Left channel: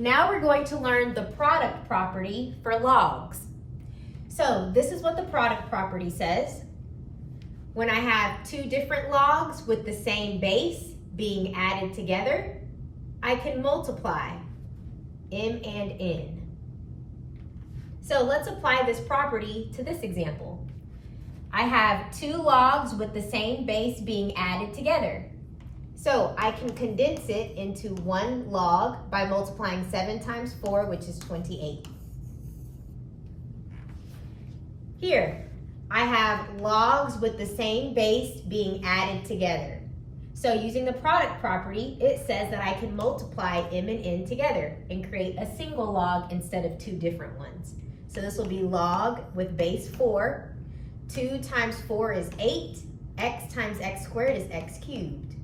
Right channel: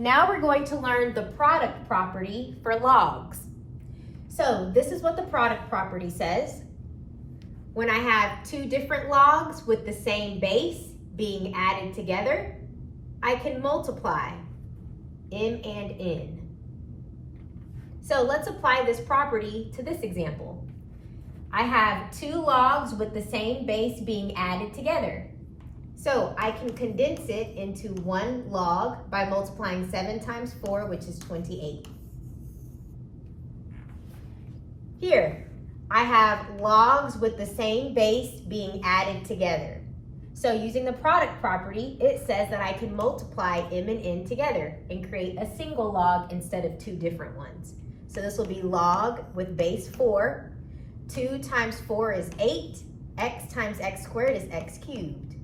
Now we're going to learn the product property for logs. So this is what the product property says. When I have two different logs with the same base being added together, I can multiply m and n. So let's apply this property to this example. I have two logs with the same base being added together. So I can condense it into one log by multiplying 7 times 4, which is 28. Here, I have logs with the same base being added together. So using the product property, it says that I can multiply m and n together and create a single log instead of two different ones. So this will be log with base 4. 2 times 4 is 8. X times x squared is x cubed.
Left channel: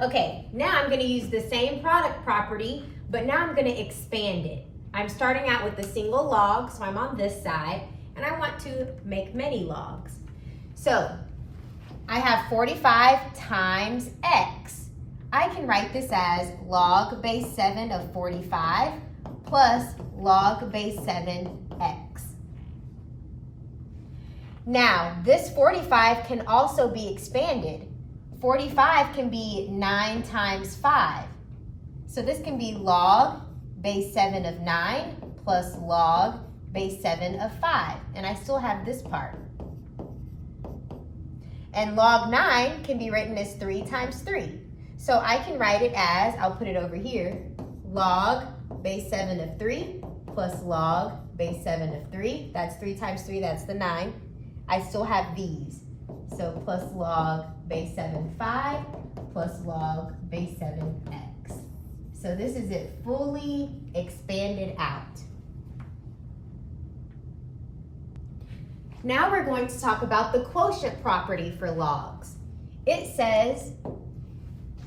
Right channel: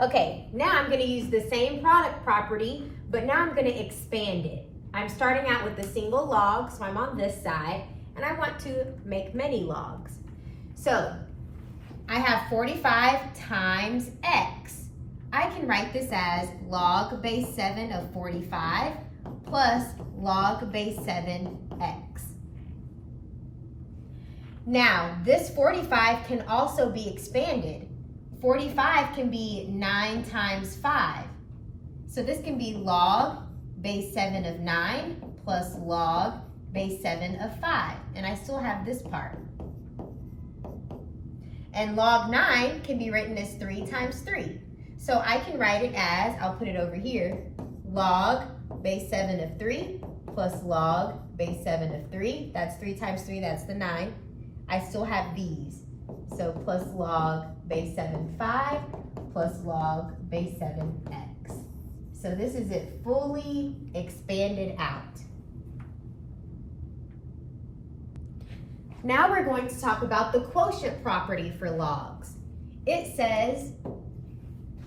Okay, now I'm going to use the same product property, but now I'm going to expand it. I'm starting out with a single log, so I'm on this side, and I want to make many logs. So I have 45 times x. I can write this as log base 7 of 45 plus log base 7x. Now, this 45 can also be expanded. 45 can be 9 times 5. So this can be log base 7 of 9 plus log base 7 of 5. And I still have this part. And log 9 can be written as 3 times 3. So I can write it as, I'll put it over here, log base 7 of 3 plus log base 7 of 3. That's 3 times 3, that's the 9. I still have these. So plus log base 7, 5 plus log base 7x. So this is it fully expanded out. Now we're going to talk about the quotient property for logs. It says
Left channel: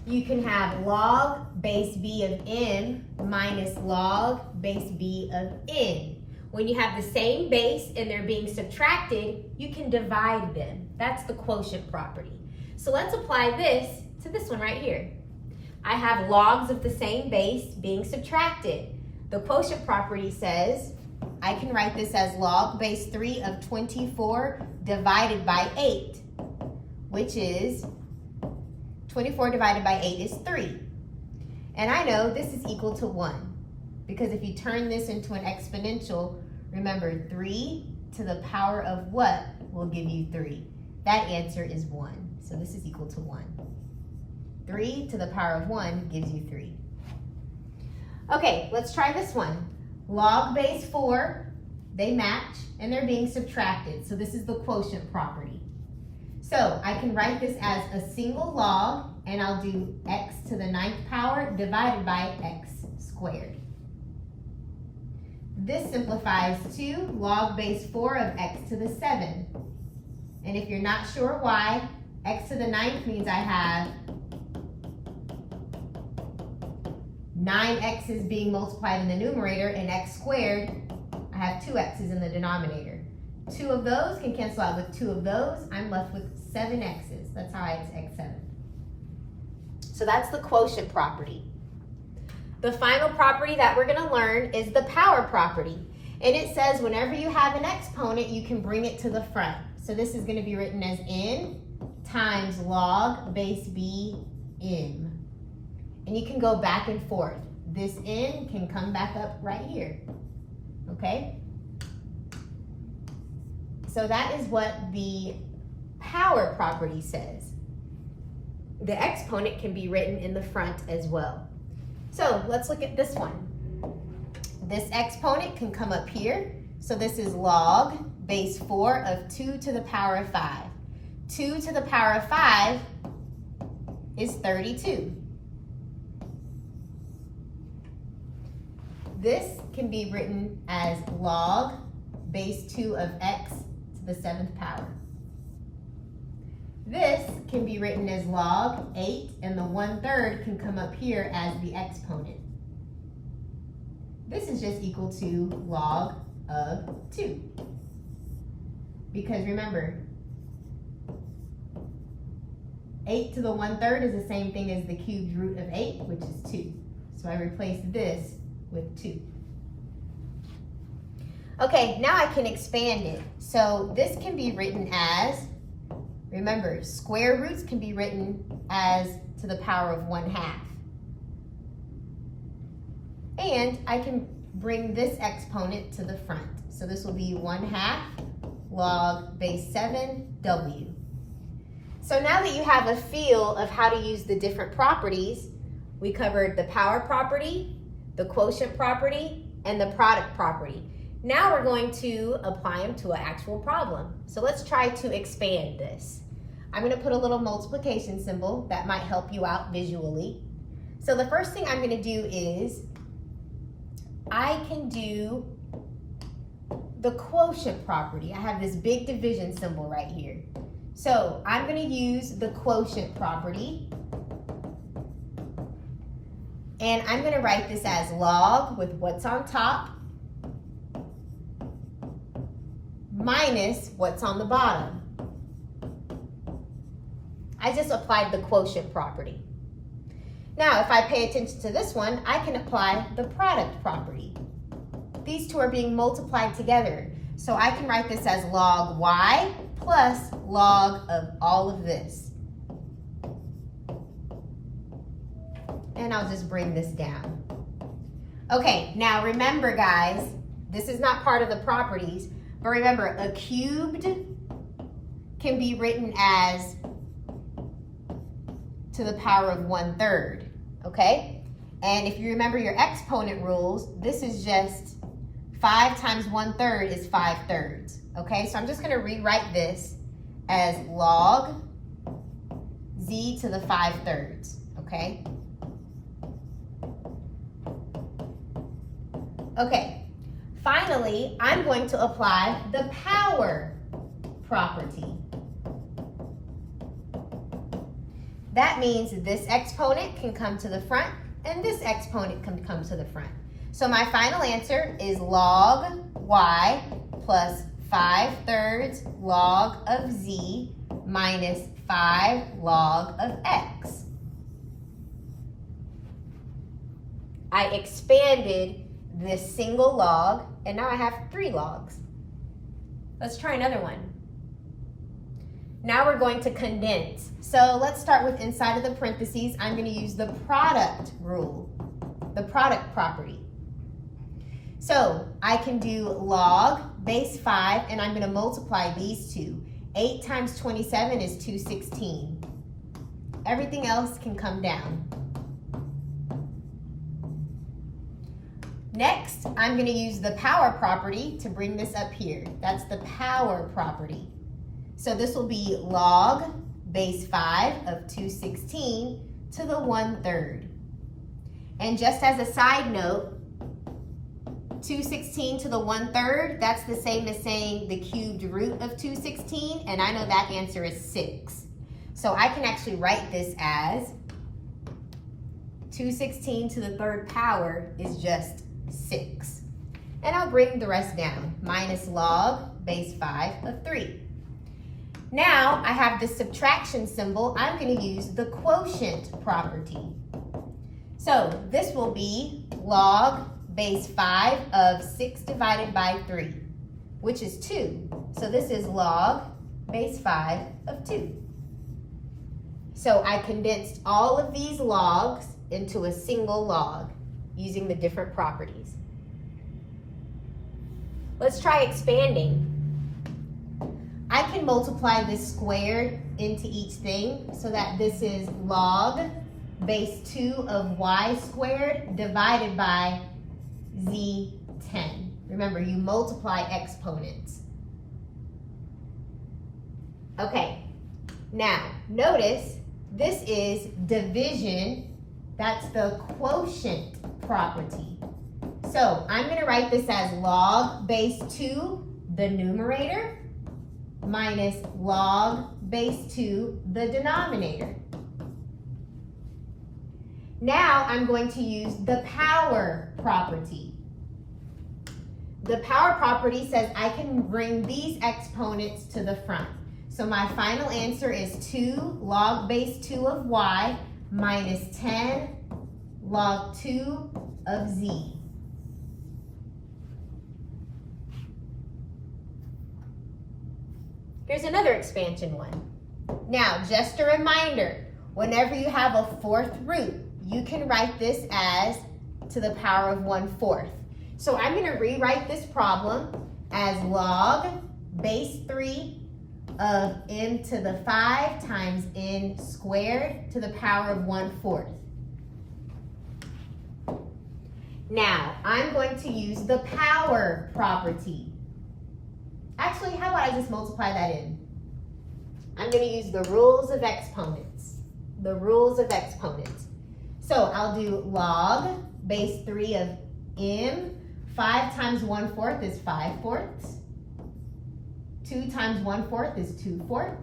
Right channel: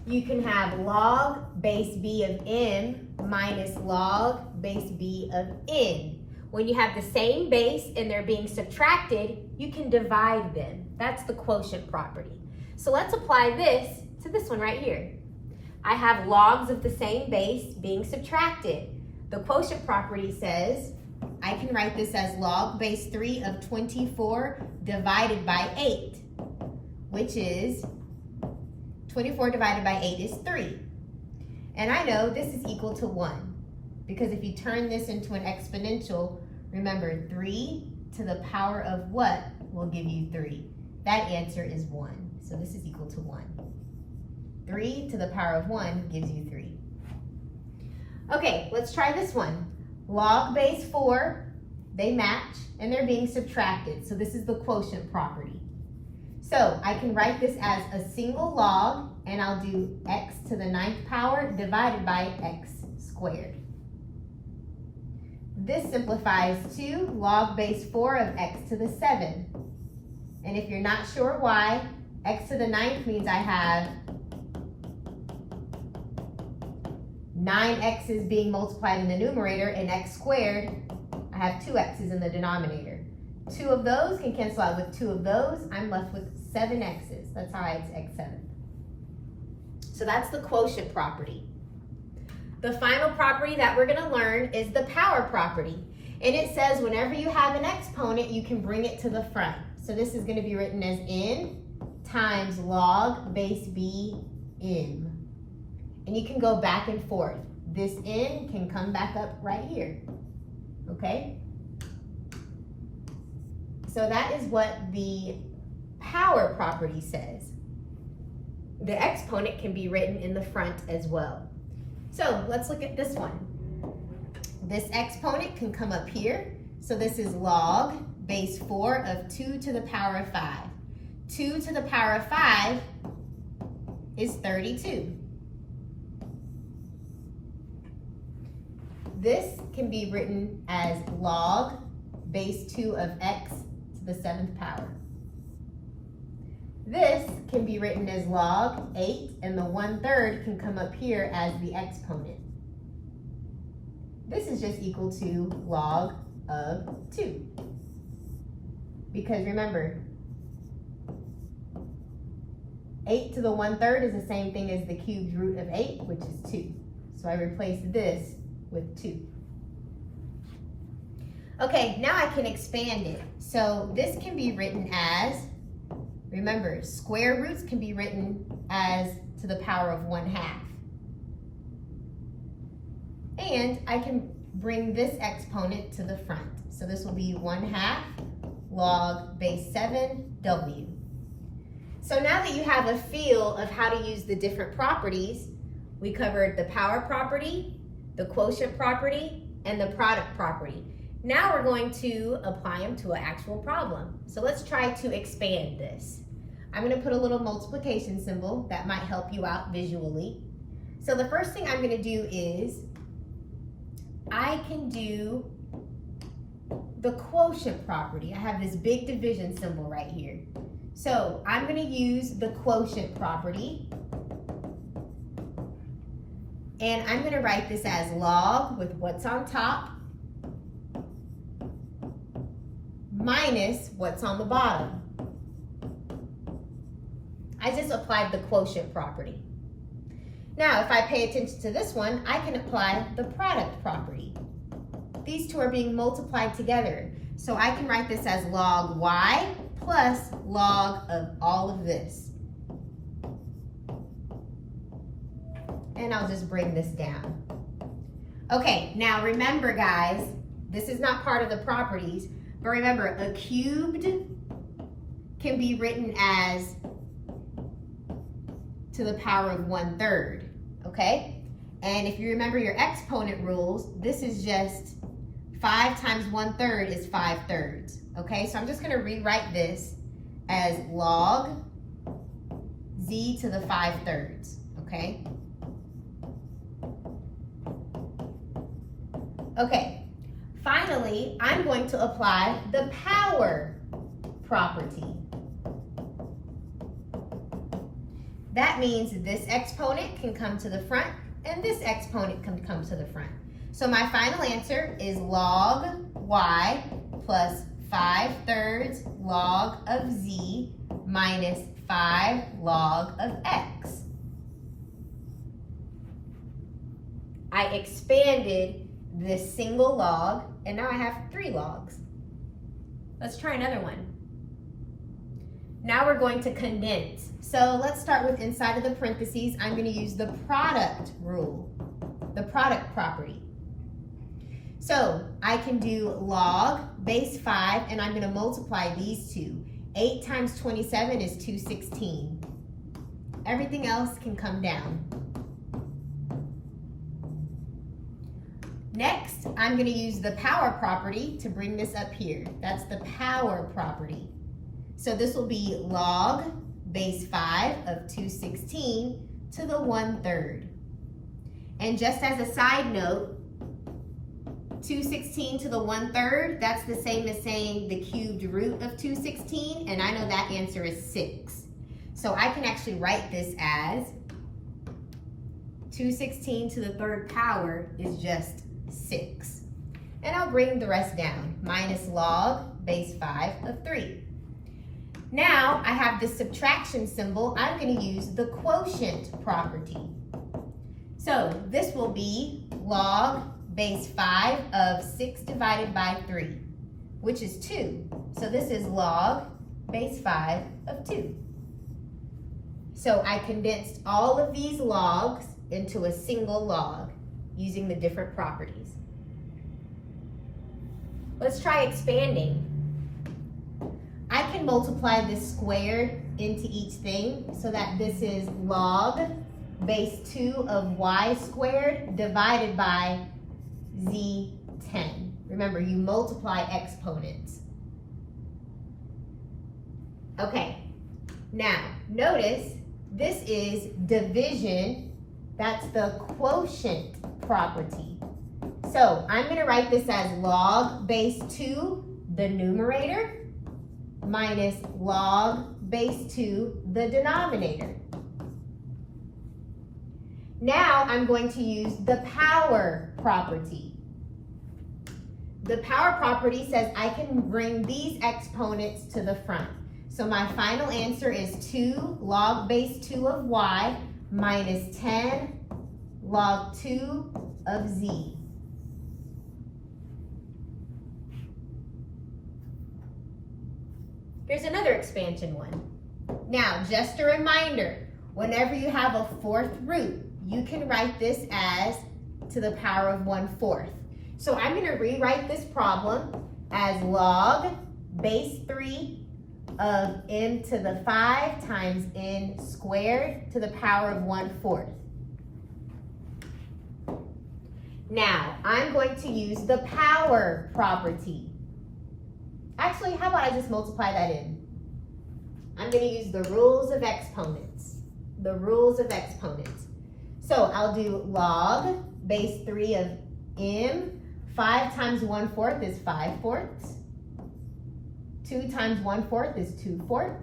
you can have log base b of m minus log base b of n. When you have the same base and they're being subtracted, you can divide them. That's the quotient property. So let's apply this to this one right here. I have logs of the same base being subtracted. The quotient property says I can write this as log base 3 of 24 divided by 8, which is 24 divided by 8 is 3. And I know this is equal to 1. Because if you turn this into an exponential, remember 3 to the power of what will give you 3? That answer is 1. So this is equal to 1. 3 to the power of 1 gives you 3. Okay, let's try this one. Log base 4, they match and they're being subtracted. So this is the quotient property. So I can write this as a single log and I'll do x to the 9th power divided by x squared. This simplifies to log base 4 of x to the 7. And if you're not sure why, x to the 9th means I have 9 x's being multiplied in the numerator, and x squared, I have 2 x's in the denominator. 2 of those can cancel out with 2 of those. I'm left with 7 x's. That's how it's x7. So that's the quotient property. The final property that we're going to learn is the power property. And it says whenever you have an exponent, you can bring it to the front. So this is going to be written as n times log base b m. And you can go back and forth. This n can come back up right here. Okay? So that is what the power property says. The exponent can be written in the front as well. So let's look at this one. This exponent can come up here. So this is log base 4 of 2 to the power of 5. 2 to the power of 5 is 32. This can be written as log base 2 of x to the 7th power. This can be written as log 8, and the 1/3 can come up here as the exponent. This is just equal to log of 2. Because remember, 8 to the 1/3 is the same thing as the cubed root of 8, which is 2. So I replace this with 2. Okay, now I can expand it. So this can be written as, remember, square roots can be written as to the power of 1/2. And I can bring this exponent to the front. So this will be 1/2 log base 7w. So now that you have a feel of how to use the different properties, we covered the power property, the quotient property, and the product property. Now we're going to apply them to an actual problem. So let's try to expand this. I'm going to put a little multiplication symbol that might help you out visually. So the first thing I'm going to do is I can do the quotient property. I have this big division symbol right here. So I'm going to use the quotient property. And I'm going to write this as log with what's on top minus what's on the bottom. I just applied the quotient property. Now, if I pay attention to this one, I can apply the product property. These two are being multiplied together. So I can write this as log y plus log of all of this. And I'll just bring this down. Okay, now remember guys, this is not part of the properties, but remember a cubed can be written as to the power of 1/3, okay? And if you remember your exponent rules, this is just 5 times 1/3 is 5/3, okay? So I'm just gonna rewrite this as log z to the 5/3, okay? Okay, finally, I'm going to apply the power property. That means this exponent can come to the front and this exponent can come to the front. So my final answer is log y plus 5/3 log of z minus 5 log of x. I expanded this single log and now I have 3 logs. Let's try another one. Now we're going to condense. So let's start with inside of the parentheses. I'm going to use the product rule, the product property. So I can do log base 5 and I'm going to multiply these two. 8 times 27 is 216. Everything else can come down. Next, I'm going to use the power property to bring this up here. That's the power property. So this will be log base 5 of 216 to the 1/3. And just as a side note, 216 to the 1/3, that's the same as saying the cubed root of 216, and I know that answer is 6. So I can actually write this as 216 to the 3rd power is just 6. And I'll bring the rest down, minus log base 5 of 3. Now I have this subtraction symbol. I'm going to use the quotient property. So this will be log base 5 of 6 divided by 3, which is 2. So this is log base 5 of 2. So I condensed all of these logs into a single log using the different properties. Let's try expanding. I can multiply this squared into each thing so that this is log base 2 of y squared divided by z10. Remember, you multiply exponents. Okay, now notice this is division. That's the quotient property. So I'm going to write this as log base 2, the numerator, minus log base 2, the denominator. Now I'm going to use the power property. The power property says I can bring these exponents to the front. So my final answer is 2 log base 2 of y minus 10 log 2 of z. Here's another expansion one. Now, just a reminder, whenever you have a fourth root, you can write this as to the power of 1/4. So I'm going to rewrite this problem as log base 3 of m to the 5 times n squared to the power of 1/4. Now, I'm going to use the power property. Actually, how about I just multiply that in? I'm going to use the rules of exponents. The rules of exponents. So I'll do log base 3 of m. 5 times 1/4 is 5/4. 2 times 1/4 is 2/4.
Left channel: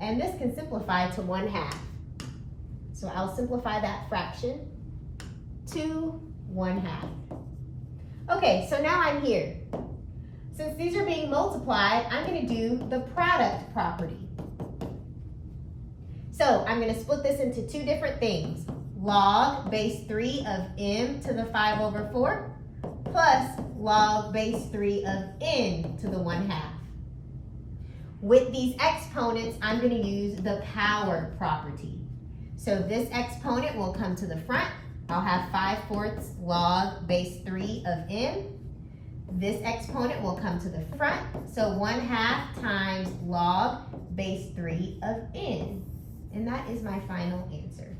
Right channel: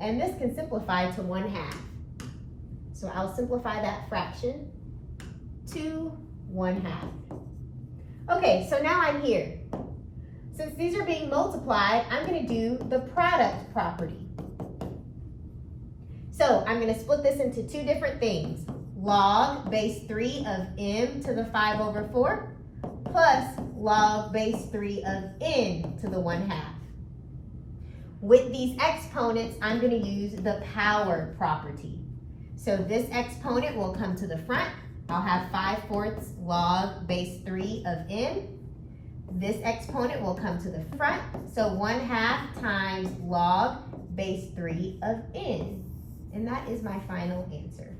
And this can simplify to 1/2. So I'll simplify that fraction to 1/2. Okay, so now I'm here. Since these are being multiplied, I'm going to do the product property. So I'm going to split this into two different things. Log base 3 of m to the 5/4 plus log base 3 of n to the 1/2. With these exponents, I'm going to use the power property. So this exponent will come to the front. I'll have 5/4 log base 3 of m. This exponent will come to the front. So 1/2 times log base 3 of n. And that is my final answer.